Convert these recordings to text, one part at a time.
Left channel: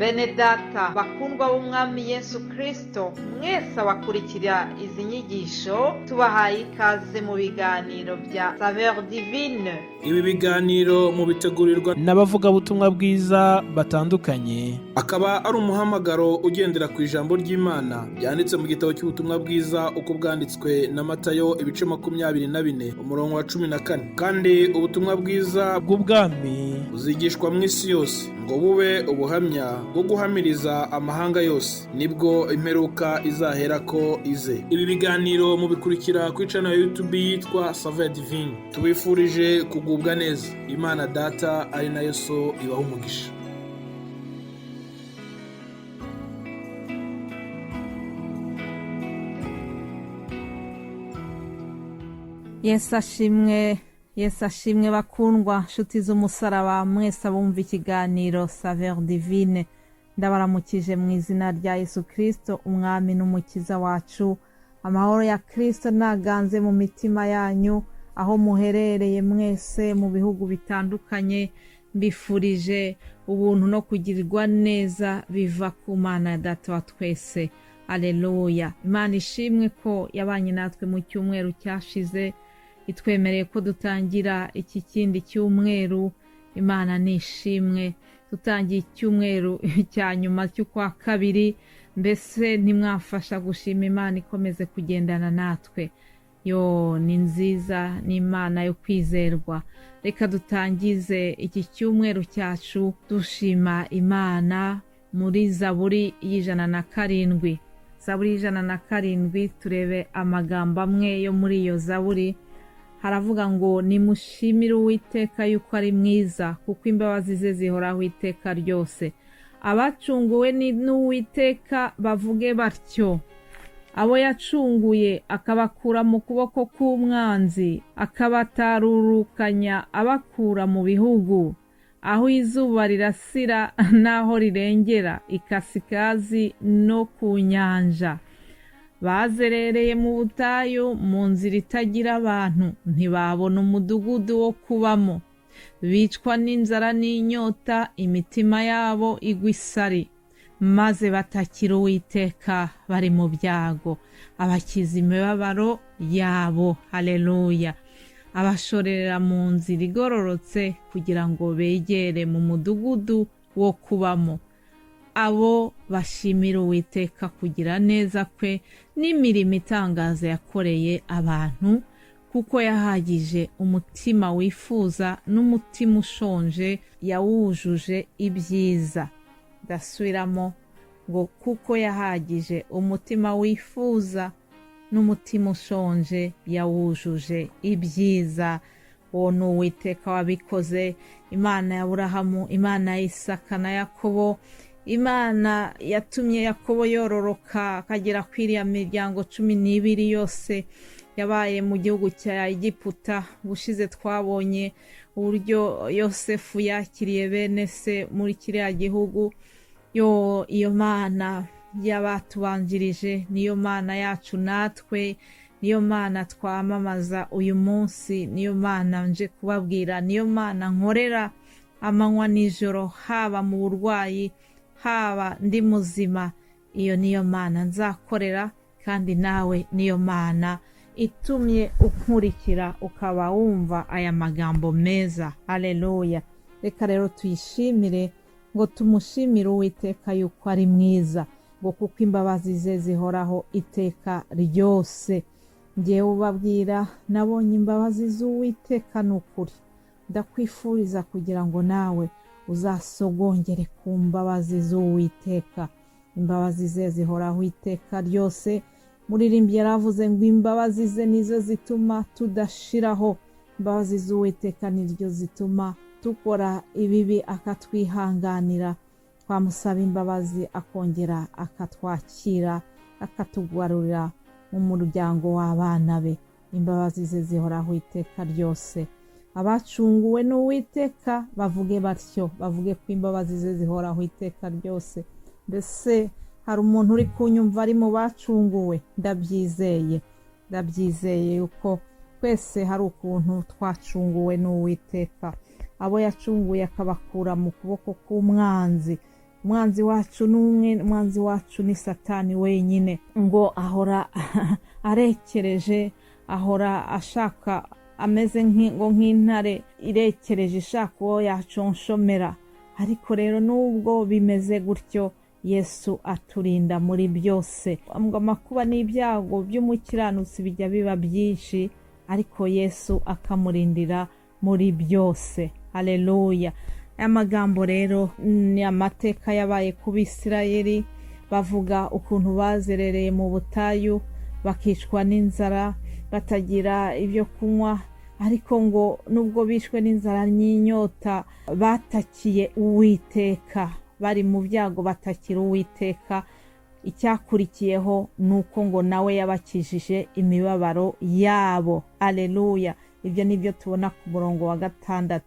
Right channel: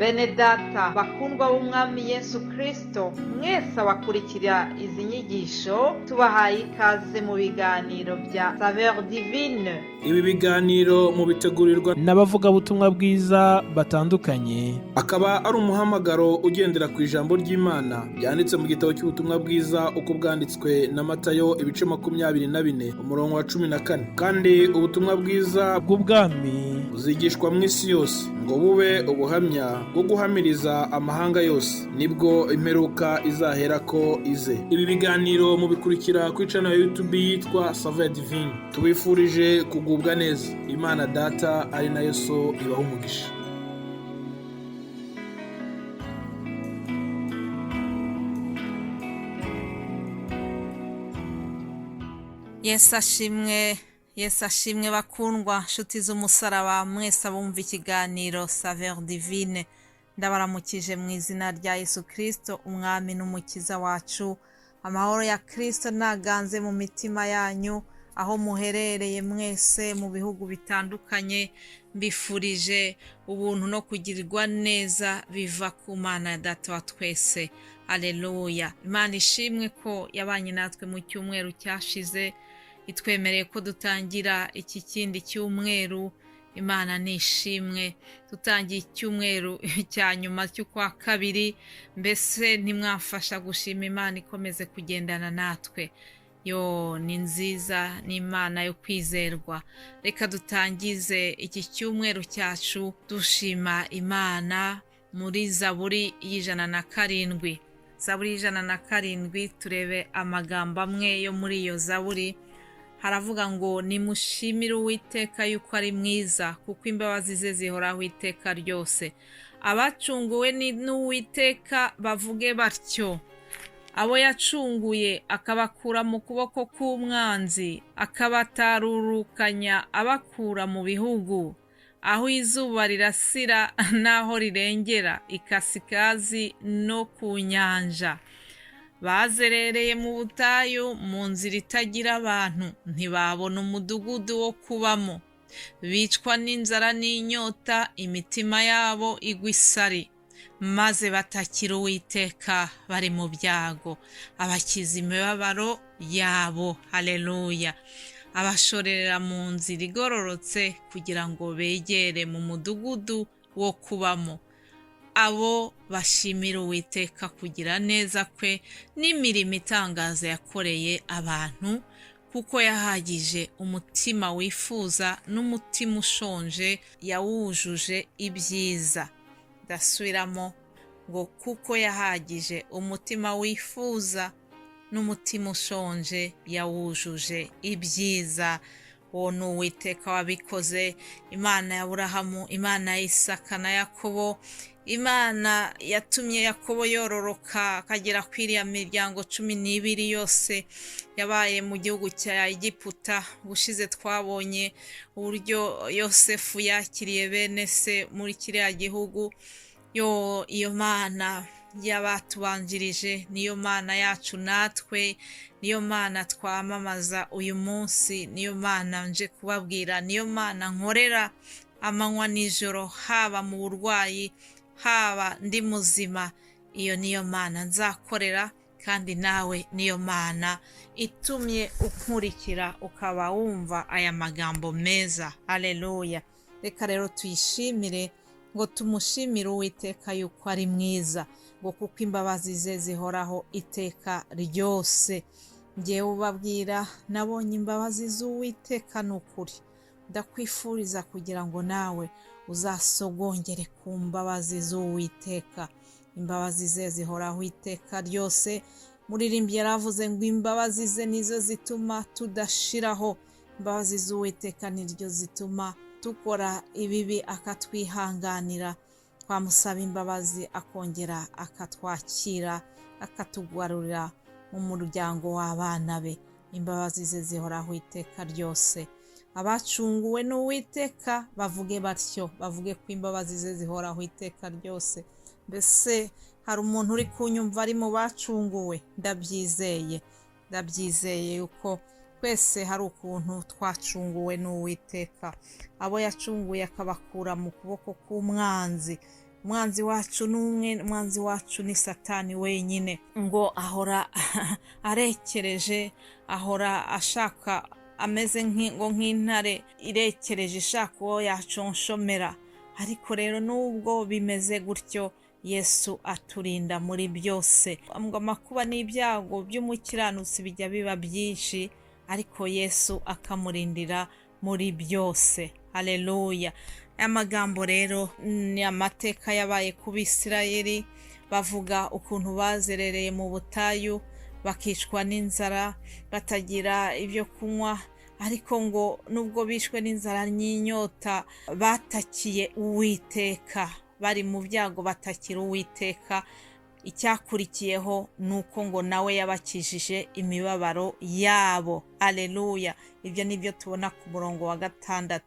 Bene data bakundwa b'umwami Yesu Kristo, mwese abakurikira izi nyigisho tubahaye ikaze mu biganiro bya Saveur Divine. Ibi biganiro mu bitegurirwa n'abavugabutumwa bwiza batandukanye, akaba ari umuhamagaro ugendera ku ijambo ry'Imana byanditse mu gitabo cy'ubutumwa bwiza uko bwanditswe na Matayo ibice 24 umurongo wa 14. Kandi ubutumwa bwiza bw'ubwami buzigishwa mu isi yose ngo bube ubuhamya bwo guhamiriza amahanga yose, nibwo imperuka izaherako ize. Ibi biganiro mubikurikira ku channel ya YouTube yitwa Saveur Divine. Tubifurije kugubwa neza. Imana Data ari nayo So ibaha umugisha. Yesu ashimwe bakundwa nshuti z'umusaraba mwese abumva ikiganiro Saveur Divine. Ndabaramukije mu izina rya Yesu Kristo umwami n'umukiza wacu. Amahoro ya Kristo naganze mu mitima yanyu aho muherereye mwese mu bihugu bitandukanye. Mbifurije ubuntu no kugirirwa neza biva ku Mana Data wa twese. Haleluya. Imana ishimwe ko yabanye natwe mu cyumweru cyashize, itwemereye ko dutangira iki kindi cyumweru. Imana nishimwe. Tutangiye icyumweru cya nyuma cy'ukwa kabiri, mbese ntimwafasha gushima Imana ikomeze kugendana natwe. Ni nziza, ni Imana yo kwizerwa. Reka dutangize iki cyumweru cyacu dushima Imana muri Zaburi y'107. Zaburi y'107, turebe amagambo amwe yo muri iyo Zaburi. Haravuga ngo nimushimire Uwiteka yuko ari mwiza, kuko imbabazi ze zihoraho iteka ryose. Abacunguwe n'Uwiteka bavuge batyo. Abo yacunguye akabakura mu kuboko k'umwanzi, akabatarurukanya abakura mu bihugu, aho izuba rirasira n'aho rirengera, ikasikazi no ku nyanja. Bazerereye mu butayu, mu nzira itagira abantu, ntibabona umudugudu wo kubamo. Bicwa n'inzara n'inyota, imitima yabo igwa isari, maze batakira Uwiteka bari mu byago, abakiza imibabaro yabo. Haleluya. Abashorera mu nzira igororotse kugira ngo begere mu mudugudu wo kubamo. Abo bashimira Uwiteka kugira neza kwe n'imirimo itangaza yakoreye abantu, kuko yahagije umutima wifuza n'umutima ushonje yawujuje ibyiza. Ndasubiramo ngo kuko yahagije umutima wifuza n'umutima ushonje yawujuje ibyiza. Uwo ni Uwiteka wabikoze, Imana ya Aburahamu, Imana ya Isaka na Yakobo, Imana yatumye Yakobo yororoka akagera kuri iriya miryango 12 yose yabaye mu gihugu cya Egiputa. Ubushize twabonye uburyo Yosefu yakiriye bene se muri kiriya gihugu. Iyo Mana y'abatubanjirije niyo Mana yacu natwe, niyo Mana twamamaza uyu munsi, niyo Mana nje kubabwira, niyo Mana nkorera amanywa nijoro, haba mu burwayi haba ndi muzima. Iyo niyo Mana nzakorera, kandi nawe niyo Mana itumye ukurikira ukaba wumva aya magambo meza. Haleluya. Reka rero tuyishimire, ngo tumushimire Uwiteka yuko ari mwiza, ngo kuko imbabazi ze zihoraho iteka ryose. Ngewe ubabwira nabonye imbabazi z'Uwiteka n'ukuri. Ndakwifuriza kugira ngo nawe uzasogongere ku mbabazi z'Uwiteka. Imbabazi ze zihoraho iteka ryose. Muririmbyi yaravuze ngo imbabazi ze nizo zituma tudashiraho. Imbabazi z'Uwiteka niryo zituma tukora ibibi akatwihanganira. Twamusaba imbabazi akongera akatwakira, akatugarurira mu muryango w'abana be. Imbabazi ze zihoraho iteka ryose. Abacunguwe n'Uwiteka bavuge batyo, bavuge ko imbabazi ze zihoraho iteka ryose. Mbese hari umuntu uri kunyumva ari mu bacunguwe? Ndabyizeye yuko twese hari ukuntu twacunguwe n'Uwiteka. Abo yacunguye akabakura mu kuboko k'umwanzi, umwanzi wacu n'umwe, umwanzi wacu ni Satani wenyine, ngo ahora arekereje, ahora ashaka, ameze nk'intare irekereje ishaka uwo yaconshomera. Ariko rero nubwo bimeze gutyo, Yesu aturinda muri byose. Amakuba n'ibyago by'umukiranutsi bijya biba byinshi, ariko Yesu akamurindira muri byose. Haleluya. Aya magambo rero ni amateka yabaye ku Bisirayeli, bavuga ukuntu bazerereye mu butayu bakicwa n'inzara, batagira ibyo kunywa, ariko ngo nubwo bishwe n'inzara n'inyota batakiye Uwiteka, bari mu byago batakira Uwiteka. Icyakurikiyeho nuko ngo nawe yabakijije imibabaro yabo. Aleluya. Ibyo nibyo tubona ku murongo wa 6.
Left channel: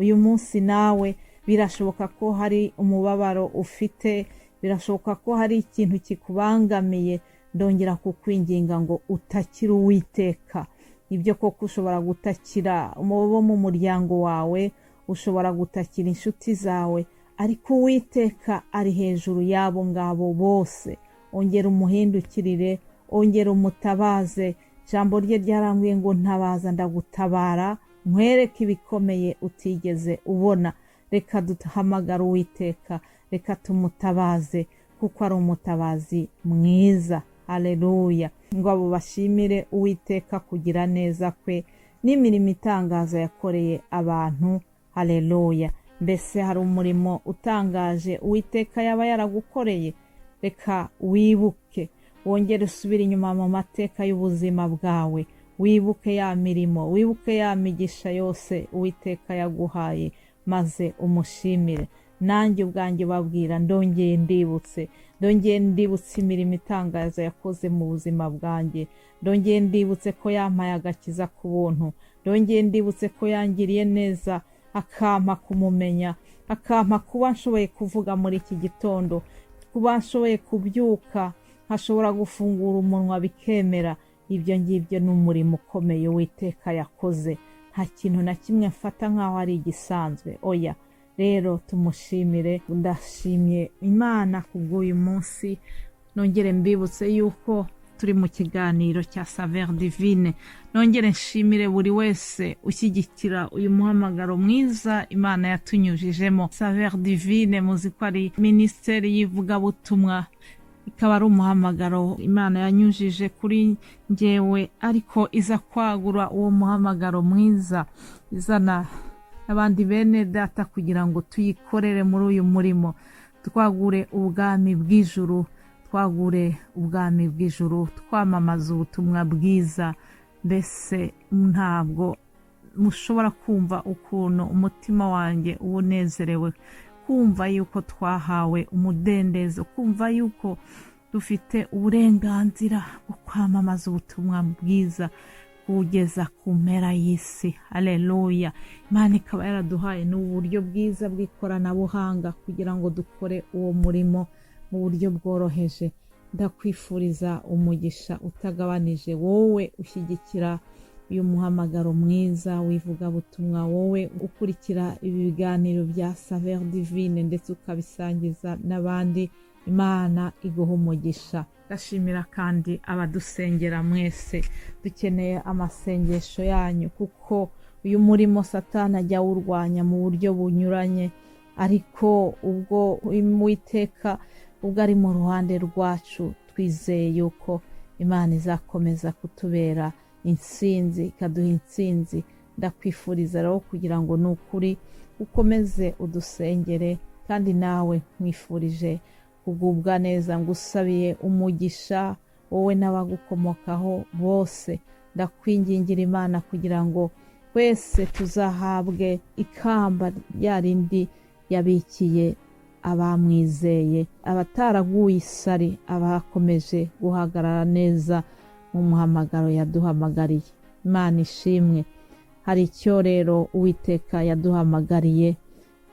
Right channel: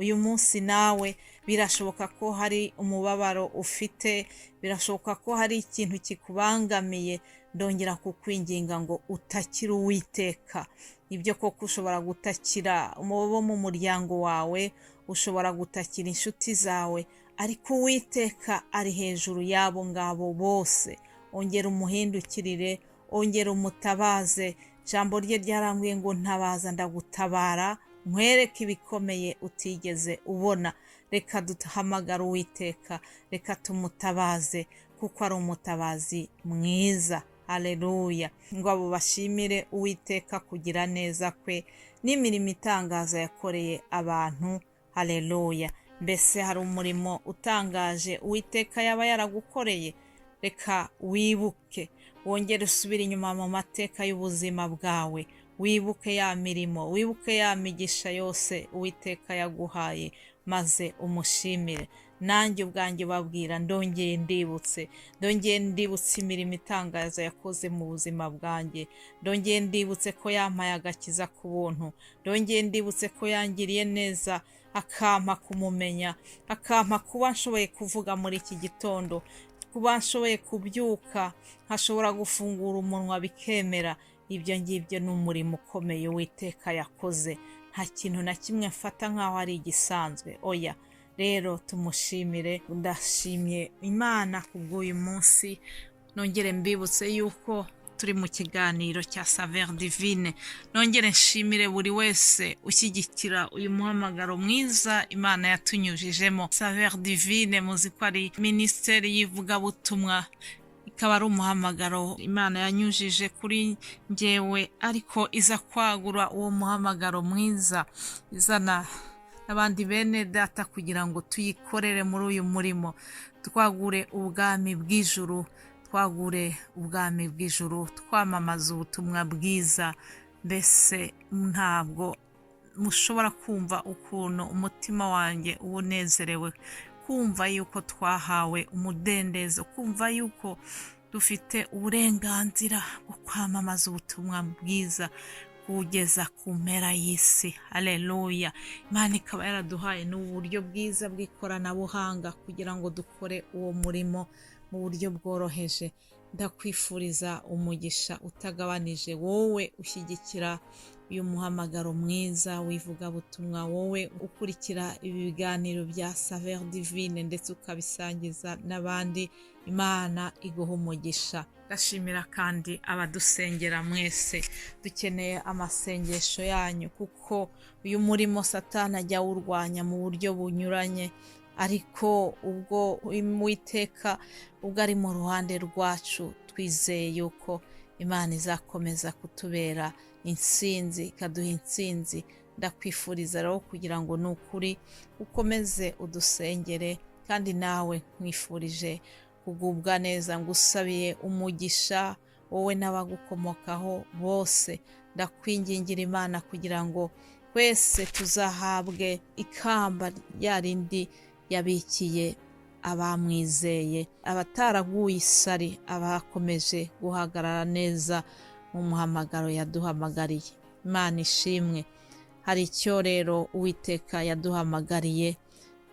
Uyu munsi nawe birashoboka ko hari umubabaro ufite, birashoboka ko hari ikintu kikubangamiye. Ndongera kukwinginga ngo utakire Uwiteka. Ibyo koko ushobora gutakira bo mu muryango wawe, ushobora gutakira inshuti zawe, ariko Uwiteka ari hejuru yabo ngabo bose. Ongera umuhindukirire, ongera umutabaze. Ijambo rye ryarambwiye ngo ntabaza ndagutabara, nkwereke ibikomeye utigeze ubona. Reka duhamagara Uwiteka, reka tumutabaze, kuko ari umutabazi mwiza. Haleluya. Ngo abo bashimire Uwiteka kugira neza kwe n'imirimo itangaza yakoreye abantu. Haleluya. Mbese hari umurimo utangaje Uwiteka yaba yaragukoreye? Reka wibuke, wongere usubire inyuma mu mateka y'ubuzima bwawe, wibuke ya mirimo, wibuke ya migisha yose Uwiteka yaguhaye, maze umushimire. Nanjye ubwanjye babwira, ndongeye ndibutse imirimo itangaza yakoze mu buzima bwanjye, ndongeye ndibutse ko yampaye agakiza ku buntu, ndongeye ndibutse ko yangiriye neza, akampa kumumenya, akampa kuba nshoboye kuvuga muri iki gitondo, kuba nshoboye kubyuka, nkashobora gufungura umunwa bikemera. Ibyo ngibyo ni umurimo ukomeye Uwiteka yakoze. Nta kintu na kimwe mfata nk'aho ari igisanzwe, oya. Rero tumushimire. Ndashimye Imana kubw'uyu munsi. Nongere mbibutse yuko turi mu kiganiro cya Saveur Divine. Nongere nshimire buri wese ushyigikira uyu muhamagaro mwiza Imana yatunyujijemo. Saveur Divine muzi ko ari Minisiteri y'Ivugabutumwa, ikaba ari umuhamagaro Imana yanyujije kuri njyewe, ariko iza kwagura uwo muhamagaro mwiza, izana abandi bene data kugira ngo tuyikorere muri uyu murimo, twagure ubwami bw'ijuru, twamamaza ubutumwa bwiza. Mbese ntabwo mushobora kumva ukuntu umutima wanjye unezerewe, kumva yuko twahawe umudendezo, kumva yuko dufite uburenganzira bwo kwamamaza ubutumwa bwiza kugeza ku mpera y'isi. Haleluya. Imana ikaba yaraduhaye n'uburyo bwiza bw'ikoranabuhanga kugira ngo dukore uwo murimo mu buryo bworoheje. Ndakwifuriza umugisha utagabanije, wowe ushyigikira uyu muhamagaro mwiza w'ivugabutumwa, wowe ukurikira ibi biganiro bya Saveur Divine ndetse ukabisangiza n'abandi. Imana iguha umugisha. Ndashimira kandi abadusengera mwese, dukeneye amasengesho yanyu, kuko uyu murimo Satani ajya awurwanya mu buryo bunyuranye, ariko ubwo Uwiteka ubwo ari mu ruhande rwacu, twizeye yuko Imana izakomeza kutubera intsinzi, ikaduha intsinzi. Ndakwifuriza rero kugira ngo nukuri ukomeze udusengere, kandi nawe nkwifurije kugubwa neza. Ngusabiye umugisha wowe n'abagukomokaho bose. Ndakwingingira Imana kugira ngo twese tuzahabwe ikamba rya rindi yabikiye abamwizeye, abataraguye isari, abakomeje guhagarara neza mu muhamagaro yaduhamagariye. Imana ishimwe. Hari icyo rero Uwiteka yaduhamagariye,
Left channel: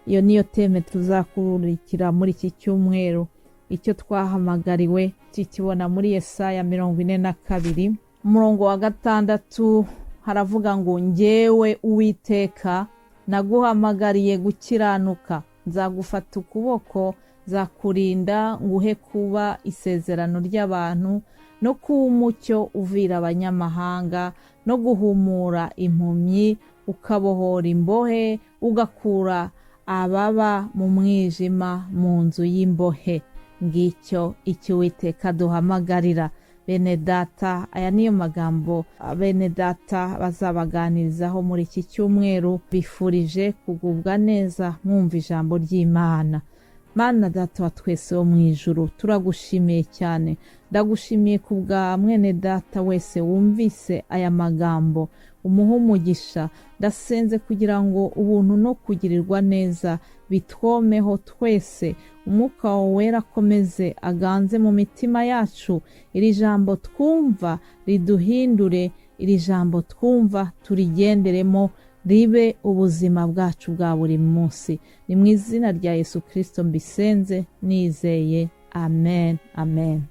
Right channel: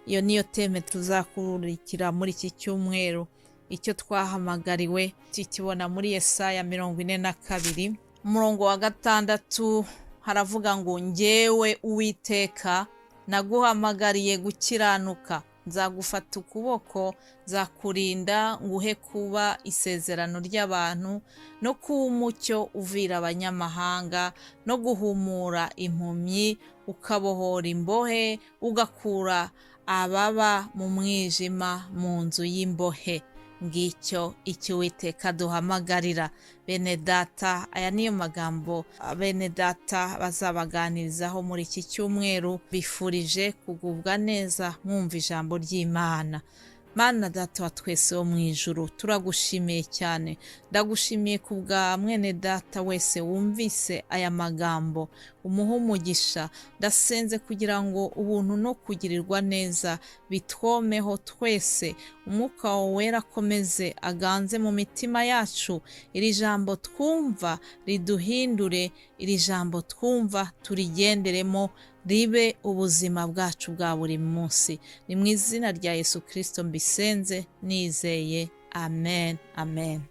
iyo niyo teme tuzakurikira muri iki cyumweru. Icyo twahamagariwe tukibona muri Yesaya 42 umurongo wa 6, haravuga ngo njyewe Uwiteka naguhamagariye gukiranuka, nzagufata ukuboko, nzakurinda nguhe kuba isezerano ry'abantu no kuba umucyo uvira abanyamahanga no guhumura impumyi, ukabohora imbohe, ugakura ababa mu mwijima mu nzu y'imbohe. Ngicyo icyo Uwiteka duhamagarira. Bene data, aya niyo magambo bene data bazabaganirizaho muri iki cyumweru. Bifurije kugubwa neza mwumva ijambo ry'Imana. Mana Data wa twese wo mu ijuru, turagushimiye cyane. Ndagushimiye ku bwa mwene data wese wumvise aya magambo, umuha umugisha. Ndasenze kugira ngo ubuntu no kugirirwa neza bitwomeho twese. Umwuka wawe wera akomeze aganze mu mitima yacu. Iri jambo twumva riduhindure, iri jambo twumva turigenderemo, ribe ubuzima bwacu bwa buri munsi. Ni mu izina rya Yesu Kristo mbisenze nizeye. Amen. Amen.